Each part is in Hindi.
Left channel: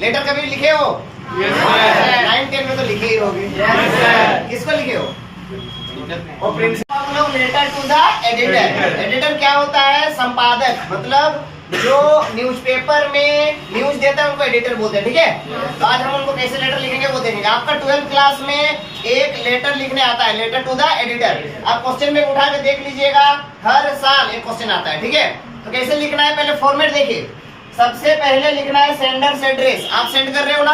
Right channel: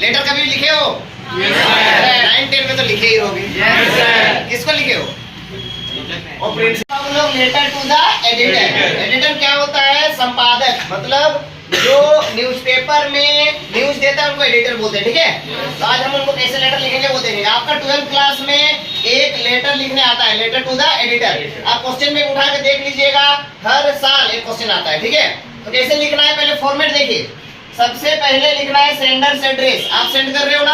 लेटर कभी लिखे हो? 9-10 में तो लिखे ही होगे। किसको लिखे हो? और प्रिंसिपल हम लोग letter to the editor. Editor क्या होता है? संपादक, मतलब जो न्यूज़पेपर में न्यूज देता है उनको एडिटर बोलते हैं। ठीक है, तो आज हम उनको कैसे लेटर लिखेंगे वो देखेंगे। आपका 12th क्लास में एक लेटर लिखने आता है, लेटर टू द एडिटर। आप क्वेश्चन में उठा के देख लीजिएगा, हर साल एक क्वेश्चन आता है। ठीक है, तो कैसे लिखना है पहले फॉर्मेट देखिए। सबसे पहले लिखना है सेंडर्स एड्रेस। आप सेंड कर रहे हो ना,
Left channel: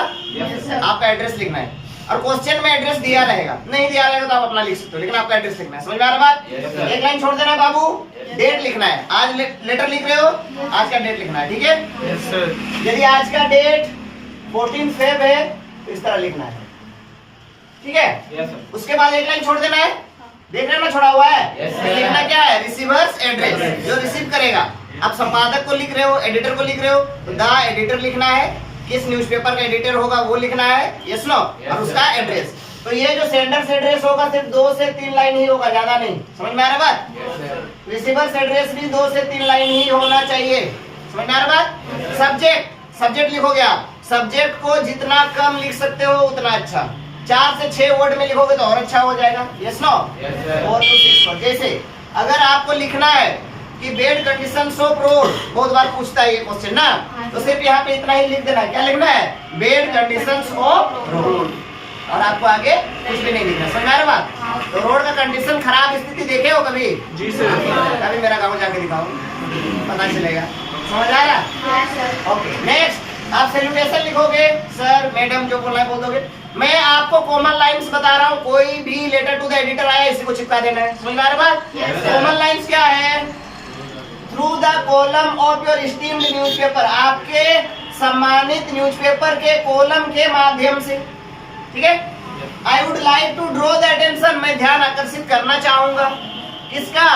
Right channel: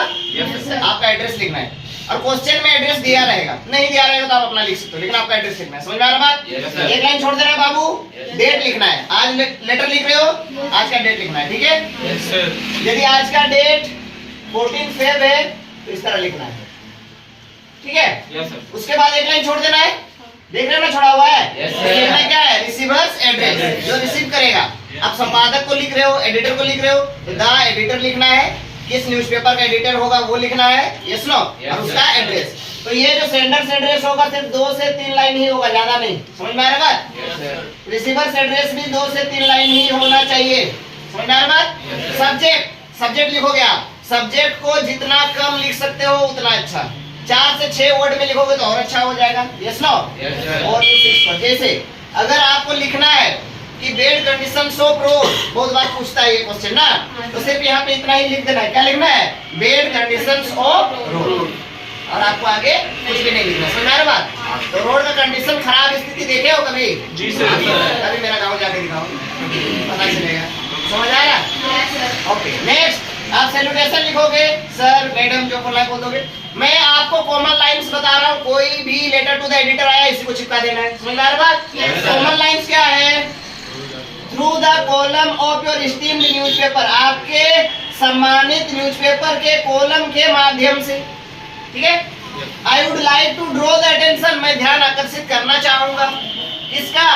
आपका एड्रेस लिखना है। और क्वेश्चन में एड्रेस दिया रहेगा, नहीं दिया रहेगा तो आप अपना लिख सकते हो, लेकिन आपका एड्रेस लिखना है। समझ में आ रहा बात? एक लाइन छोड़ देना बाबू, डेट लिखना है। आज लेटर लिख रहे हो, आज का डेट लिखना है। ठीक है, यदि आज का डेट 14 फेब है तो इस तरह लिखना है। ठीक है, उसके बाद एक लाइन छोड़ देना है। देख रहे हो ना छोड़ा हुआ है? लिखना क्या है? रिसीवर्स एड्रेस, जो रिसीव करेगा। आप संपादक को लिख रहे हो, एडिटर को लिख रहे हो, तो द एडिटर लिखना है। किस न्यूज़पेपर का एडिटर होगा वो लिखना है, यस नो, और उसका एड्रेस। तो ये जो सेंडर्स एड्रेस होगा सिर्फ 2 से 3 लाइन ही होगा, ज्यादा नहीं। समझ में आ रहा बात? रिसीवर्स एड्रेस भी 2 से 3 लाइन ही होना चाहिए। समझ में आ रहा बात? सब्जेक्ट लिखोगे आप, सब्जेक्ट को जितना कम लिख सकते हो उतना अच्छा। 4 से 6 वर्ड में लिखोगे तो और अच्छा हो जाएगा, यस नो। 4 to 6 word. जैसे अगर आपको लिखना है कि बेड कंडीशन ऑफ रोड, बहुत बार पूछता है ये क्वेश्चन ना, तो सिर्फ यहाँ पे इतना ही लिख देना है। क्या लिखना है? बेड कंडीशन ऑफ रोड, और आपको आगे कुछ भी नहीं लिखना। समझ आ रहा बात? तो रोड का कंडीशन, खराब स्थिति देखे हो कभी? जी सर। कभी मेरा गाँव जाके दिखाऊं, पता चलेगा। समझ आ रहा? ओके, नेक्स्ट आप सैल्यूटेशन लिखोगे। सर मैडम जो बोलना है बोल दोगे। मैं आपको कॉमन लाइंस बता रहा हूँ, कोई भी लेटर टू द एडिटर आया इसी को चिपका देना है। समझ आ रहा बात? कॉमन लाइंस क्या है? Through the column of your esteemed newspaper, आपके सम्मानित न्यूज़पेपर के कॉलम के माध्यम से। ठीक है, I would like to draw the attention, मैं ध्यान आकर्षित करना चाहूंगा। किसका?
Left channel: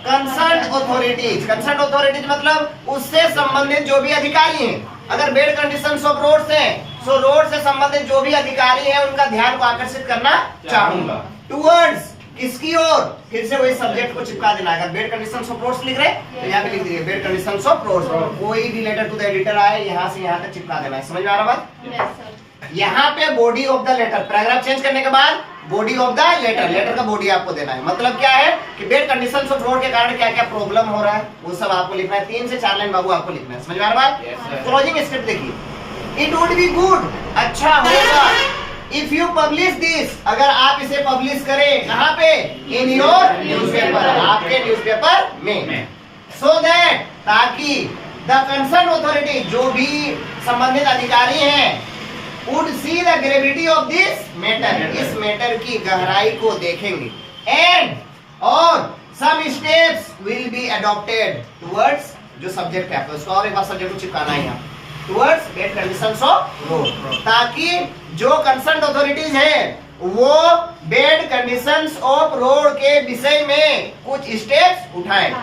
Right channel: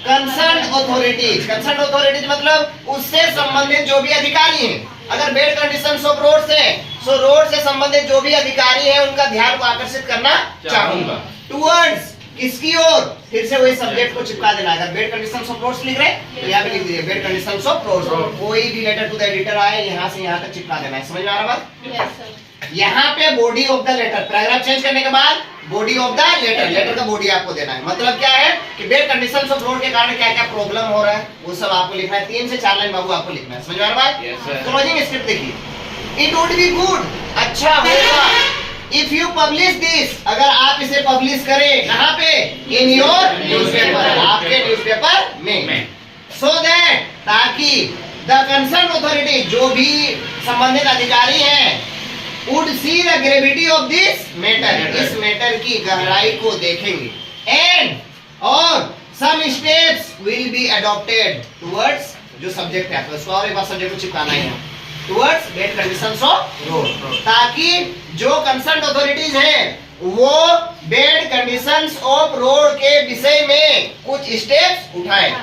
Concern authorities. कंसर्न अथॉरिटीज मतलब उससे संबंधित जो भी अधिकारी हैं। अगर बेड कंडीशंस ऑफ रोड्स हैं, सो रोड से संबंधित जो भी अधिकारी हैं उनका ध्यान को आकर्षित करना चाहूंगा। टुवर्ड्स, किसकी ओर? फिर से वही सब्जेक्ट को चिपका देना। अगर बेड कंडीशंस ऑफ रोड्स लिख रहे हैं तो यहाँ पे लिख दीजिए बेड कंडीशंस ऑफ रोड्स। कोई भी लेटर टू द एडिटर आए यहाँ से यहाँ तक चिपका देना है। समझ में आ रहा बात? यहाँ पे body of the letter, paragraph change करने के बाद body of the letter, letter का बॉडी आपको देना है। मतलब क्या है कि बेड कंडीशंस ऑफ रोड के कारण क्या क्या प्रॉब्लम हो रहा है वो सब आपको लिखना है। 3 से 4 लाइन बाबू आपको लिखना है। समझ में आ रहा बात? क्लोजिंग स्क्रिप्ट देखिए। इट वुड बी गुड, अच्छा होगा, इफ यू पब्लिश दिस, अगर आप इसे पब्लिश करें। कहाँ पे? इन योर न्यूज़पेपर, आपके न्यूज़पेपर में। सो दैट, ताकि द कंसर्न अथॉरिटी, जो भी संबंधित अधिकारी हैं, would see the gravity of this matter, इस मैटर की गहराई को देखेंगे। and और some steps will be adopted towards, जो सब्जेक्ट है उसको और एक बार सब्जेक्ट को चिपकाना है यहाँ, towards bed conditions of road, ताकि जो कंसर्न अथॉरिटीज हैं वो बेड कंडीशंस ऑफ रोड के विषय में कुछ स्टेप्स उठाएं।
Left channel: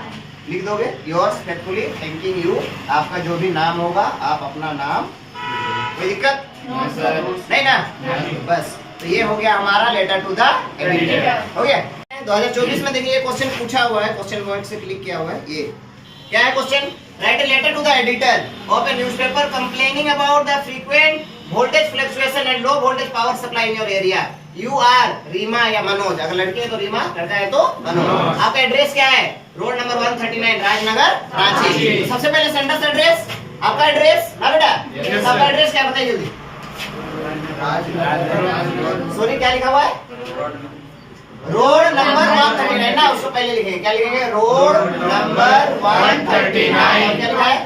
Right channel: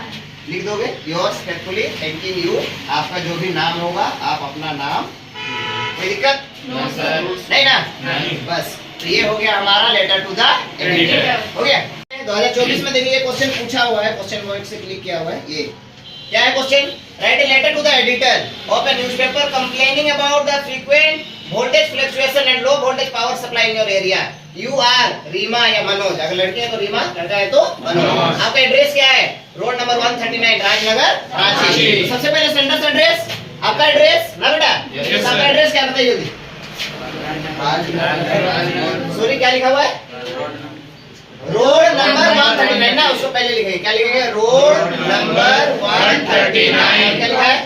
लिख दोगे? Yours faithfully thanking you. आपका जो भी नाम होगा आप अपना नाम, कोई दिक्कत नहीं ना? बस, तो ये हो गया हमारा लेटर टू द एडिटर। हो गया। 2024 में देखिए ये क्वेश्चन पूछा हुआ है, क्वेश्चन पॉइंट से क्लिक किया हुआ है। ये क्या है question? Write a letter to the editor of a newspaper complaining about the frequent voltage fluctuation and low voltage power supply in your area. You are Reema या मनोज, अगर लड़की है तो रीमा, लड़का है तो मनोज। आपका एड्रेस क्या है? Road number 139 Rajnagar Ranchi. सबसे पहले सेंडर्स एड्रेस, आपका एड्रेस ना बेटा? आपका एड्रेस क्या बताइए जल्दी? सॉरी क्या लिखा हुआ है? रोड नंबर 139 ना, उसको पहले लिखेंगे। क्या लिखेंगे? Road number 139। क्या लिखा है?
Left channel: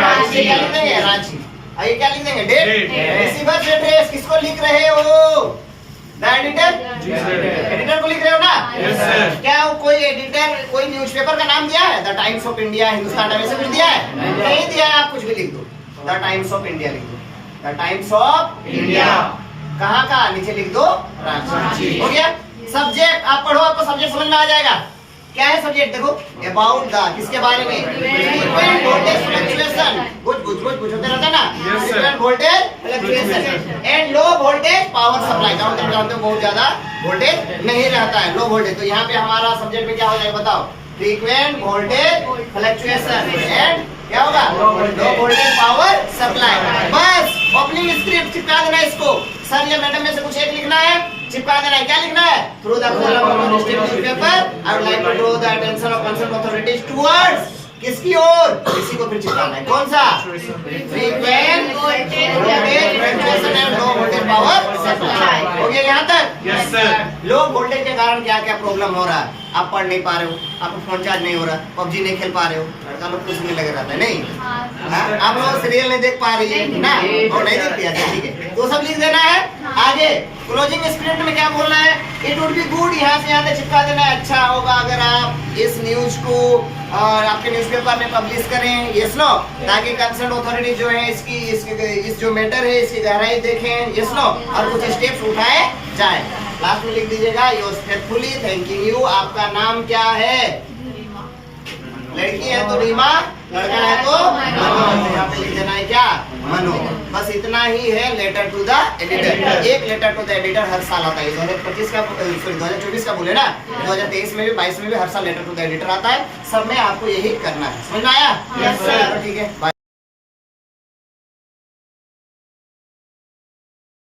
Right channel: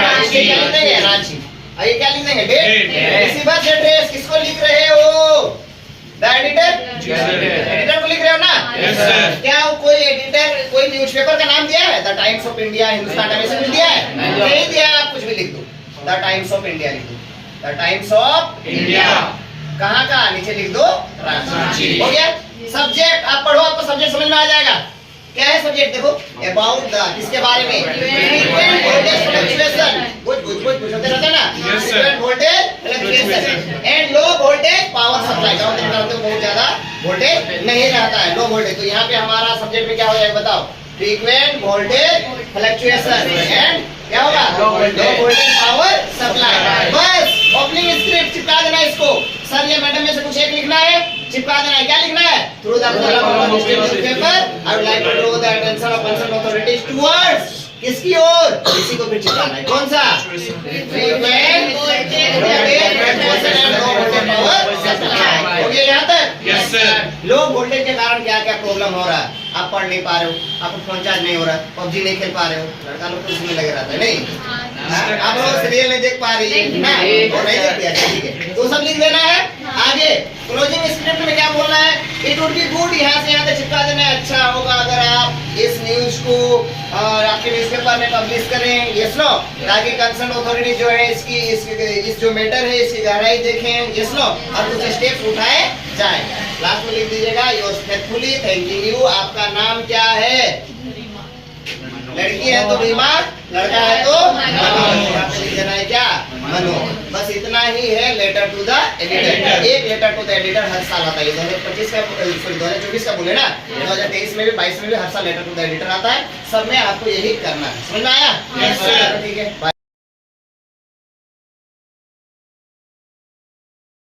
रांची। क्या लिख देंगे? रांची। आइए क्या लिख देंगे? डेट। रिसीवर्स एड्रेस किसको लिख रहे हो? The editor. एडिटर को लिख रहे हो ना? Yes sir. क्या कोई एडिटर कोई न्यूज़पेपर का नाम दिया है? The times of India, Hindustan times में दिया है? नहीं दिया है। आप कुछ भी लिख दो, द टाइम्स ऑफ इंडिया लिख दो। द टाइम्स ऑफ इंडिया कहाँ का? नीचे लिख दो रांची। हो गया। सब्जेक्ट आप पढ़ो, आपको सब्जेक्ट समझ में आ जाएगा। क्या है सब्जेक्ट देखो, अबाउट द, किसके बारे में, फ्रीक्वेंट वोल्टेज फ्लक्चुएशन, कुछ होते रहता है ना, frequent voltage fluctuation and low voltage power supply, गाँव में रहते हो बहुत ज्यादा वोल्टेज नहीं रहता है, लो वोल्टेज। तो यहाँ पे हमारा सब्जेक्ट में क्या हो जाएगा बताओ, फ्रीक्वेंट वोल्टेज फ्लक्चुएशन एंड क्या होगा, लो वोल्टेज पावर सप्लाई। बस ओपनिंग स्क्रिप्ट चिपका देना इसको, सर या मैडम में से कुछ एक लिखना है, चिपका देना है। क्या लिखना है, through the column of the paper I would like to draw the attention of concern authorities towards, किसकी ओर, इसी को फिर चिपकाना है, कौन सा, frequent voltage fluctuation and low voltage power supply. हो गया यहाँ तक? Yes sir. लो वोल्टेज के कारण क्या क्या प्रॉब्लम हो रहा है, आप पढ़ नहीं पा रहे हो, आपको फोन चार्ज नहीं हो रहा, पबजी नहीं खेल पा रहे हो, लड़का लोग तो उसमें लगे रहता है नहीं, हाँ? आप लोग सीरियल नहीं देख पा रही है ना, और नहीं देखती है, ठीक है, तो सब लिख देना है। आगे क्लोजिंग स्क्रिप्ट में क्या बोलना है, इट वुड बी गुड, यहाँ से यहाँ तक चिपका देना है, अच्छा होगा अगर आप इस न्यूज को और आपके न्यूज़पेपर में पब्लिश करें, यस नो, ताकि कंसर्न अथॉरिटी जो है इस जो मैटर है इसकी गहराई देखें, यस नो, और कुछ स्टेप्स उठाए जाए। लास्ट में लिख दीजिएगा योर फेथफुली थैंकिंग यू। आपका नाम क्या है, लड़की है तो रीमा, लड़का है तो मनो, यहाँ पे लिख देना है क्या, मनो। बस इतना ही है लेटर टू द एडिटर। एक लेटर टू द एडिटर हर साल आता है, 2025 का सॉरी 2024 का बोले ना, 2023 में भी 22 में भी हर साल लेटर टू द एडिटर आता है। सब में आपको यही करना है, समझ में आया? Yes sir. ठीक है, बाय।